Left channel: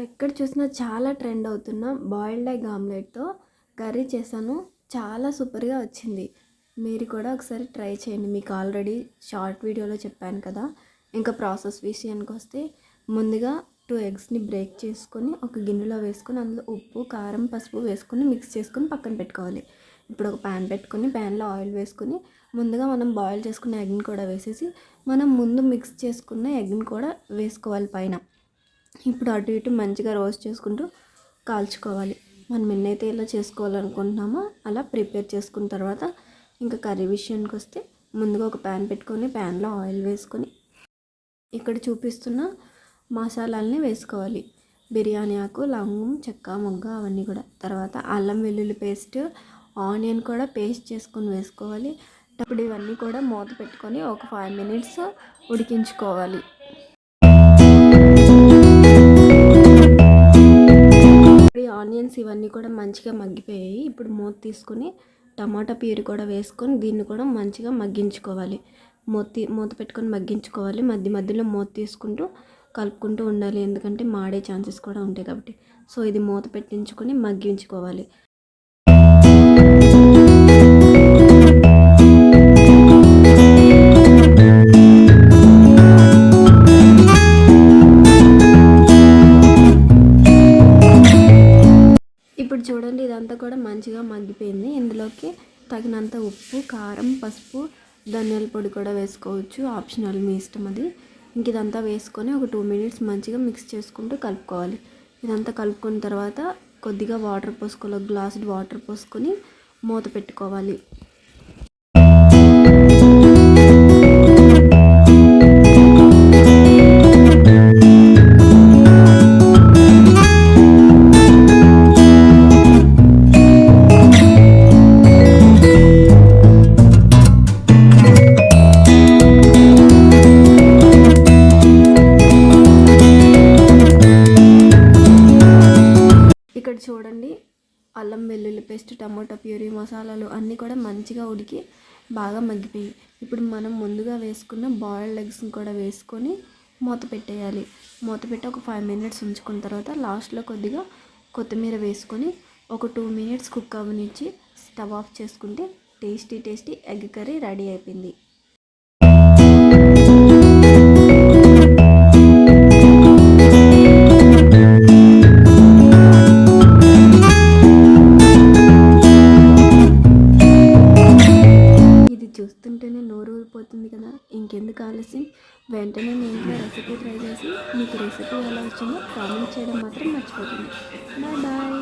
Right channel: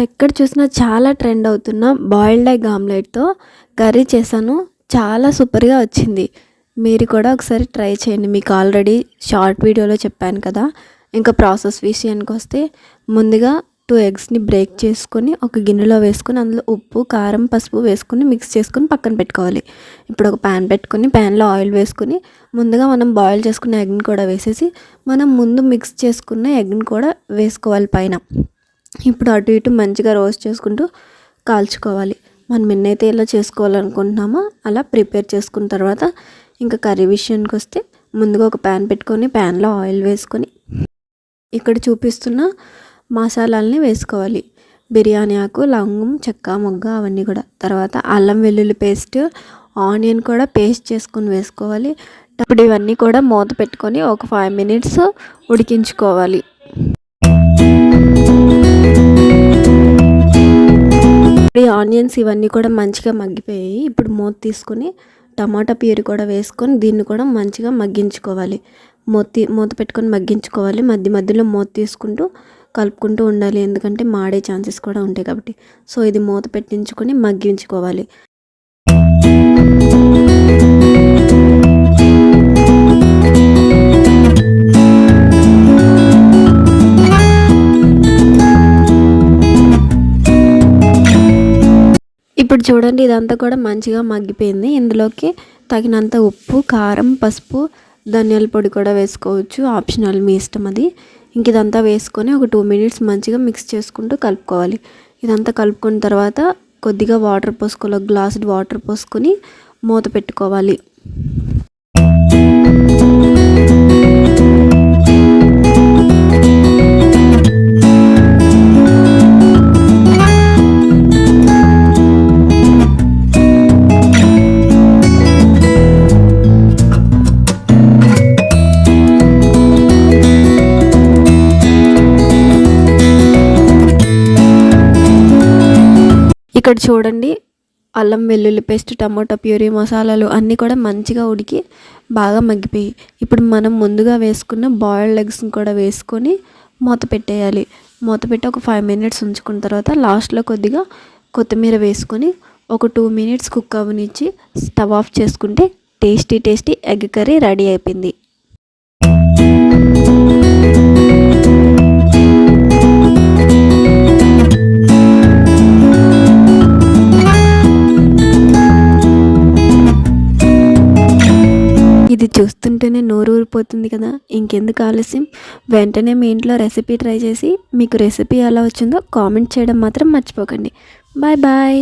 ఎక్కడ చూసినా చాలా ట్రెండ్ అవుతున్న బాయిల్డ్ ఎగ్ ఆమ్లెట్‌తో కర్రీ చేశాను. చాలా సూపర్‌గా వచ్చింది. మీరు కూడా ఒకసారి ట్రై చేయండి. మీకు ఆల్రెడీ షార్ట్ వీడియోలో చెప్పాను కదా! ఇంకా ప్రాసెస్ విషయానికొస్తే ముందుగా 2 ఎగ్స్‌ని బ్రేక్ చేసుకొని ఒక గిన్నెలో వేసుకొని అందులో ఉప్పు, కారం, పసుపు వేసుకొని మిక్స్ చేసుకొని పక్కన పెట్టుకోవాలి. ఇప్పుడు ఒక పాన్ పెట్టుకొని పాన్‌లో ఆయిల్ వేసుకొని ముందుగా మనం బాయిల్ చేసుకున్న ఎగ్‌ని కూడా వేసేసి మనం ముందు మిక్స్ చేసుకున్న ఎగ్‌ని కూడా వేసుకోవాలి పైన. ఇప్పుడు అటు ఇటు మంచిగా రోస్ట్ చేసుకుంటూ కాల్చుకోవాలి. మనం ఎన్నైతే ఇలా చేసుకోవాలనుకుంటున్నామో అలా ప్రిపేర్ చేసుకున్న తర్వాత ఇంకా కర్రీ విషయానికి వస్తే ముందుగా ఒక ప్యాన్ పెట్టుకొని ప్యాన్లో ఆయిల్ వేసుకొని ఇక్కడ చూపిస్తున్న మసాలాలని వేసుకోవాలి. బిర్యానీ ఆకు, లవంగం, చెక్క, మొగ్గ అవన్నీ కూడా. తర్వాత అల్లం వెల్లుల్లి పేస్ట్, ఆనియన్ కూడా పేస్ట్ చేసుకొని వేసుకోవాలి. ఇప్పుడు ఇవన్నీ కూడా మూత పెట్టుకొని ఒక 5 మినిట్స్ ఉడికించుకోవాలి. ఈ ఆనియన్స్ ఇవన్నీ కూడా మంచిగా మగ్గిపోయాయి. ఇప్పుడు మూత తీసుకొని టమాటా ప్యూరీ కూడా వేసుకొని దీన్ని కూడా మంచిగా మగ్గించుకోవాలి. మూత పెట్టుకొని మగ్గించుకోవాలి. మధ్యలో మూత తీసుకుంటూ కలుపుకుంటూ ఉండాలి. ఎందుకంటే మాడే ఛాన్సెస్ కూడా ఉంటాయి కాబట్టి. సో ఇది మూత పెట్టించుకొని మగ్గించుకోవాలి. ఇప్పుడు చూడండి ఇదంతా కూడా మంచిగా మగ్గిపోయింది. ఇందులోకి తగినంత ఉప్పు, కారం, పసుపు, ధనియాల పొడి కూడా వేసుకోవచ్చు. ఆప్షనల్, మీ ఇష్టం అది. ఇంక ఇదంతా వేసుకొని ఒక 2 మినిట్స్ మంచిగా మిక్స్ చేసుకుంటూ కలుపుకోవాలి. ఇదంతా కలుపుకున్న తర్వాత కొద్దిగా వాటర్ పోసుకోవాలి. ఒక గ్లాసుడు వాటర్ పోసుకొని మూత పెట్టుకోవాలి. ఇక్కడ చూడండి అల్లం వెల్లుల్లి పేస్ట్, టమాటా ప్యూరీ, మసాలాలు అన్నీ కూడా మంచిగా ఉడికి బాగా మగ్గిపోయి ఇప్పుడు మనం ముందుగా వేసుకున్న బాయిల్డ్ ఎగ్స్ని కూడా వేసుకొని మూత పెట్టేయాలి. మూత పెట్టి ఒక 5 మినిట్స్ ఉంచుకున్న తర్వాత లాస్ట్లో కొద్దిగా కొత్తిమీర వేసుకొని ఒక 2 మినిట్స్ కుక్ అవ్వనిచ్చి స్టవ్ ఆఫ్ చేసుకుంటే టేస్టీ ఎగ్ కర్రీ రెడీ అయిపోయింది. ఇది చూస్తుంటేనే నోరు ఊరిపోతుంది కదా! ఇంకెందుకు ఆలస్యం, వెంటనే మీ ఇంట్లో రెసిపీ ట్రై చేసి మీకు రెసిపీ ఎలా వచ్చిందో కామెంట్ చేయడం మాత్రం మర్చిపోకండి. Bye bye.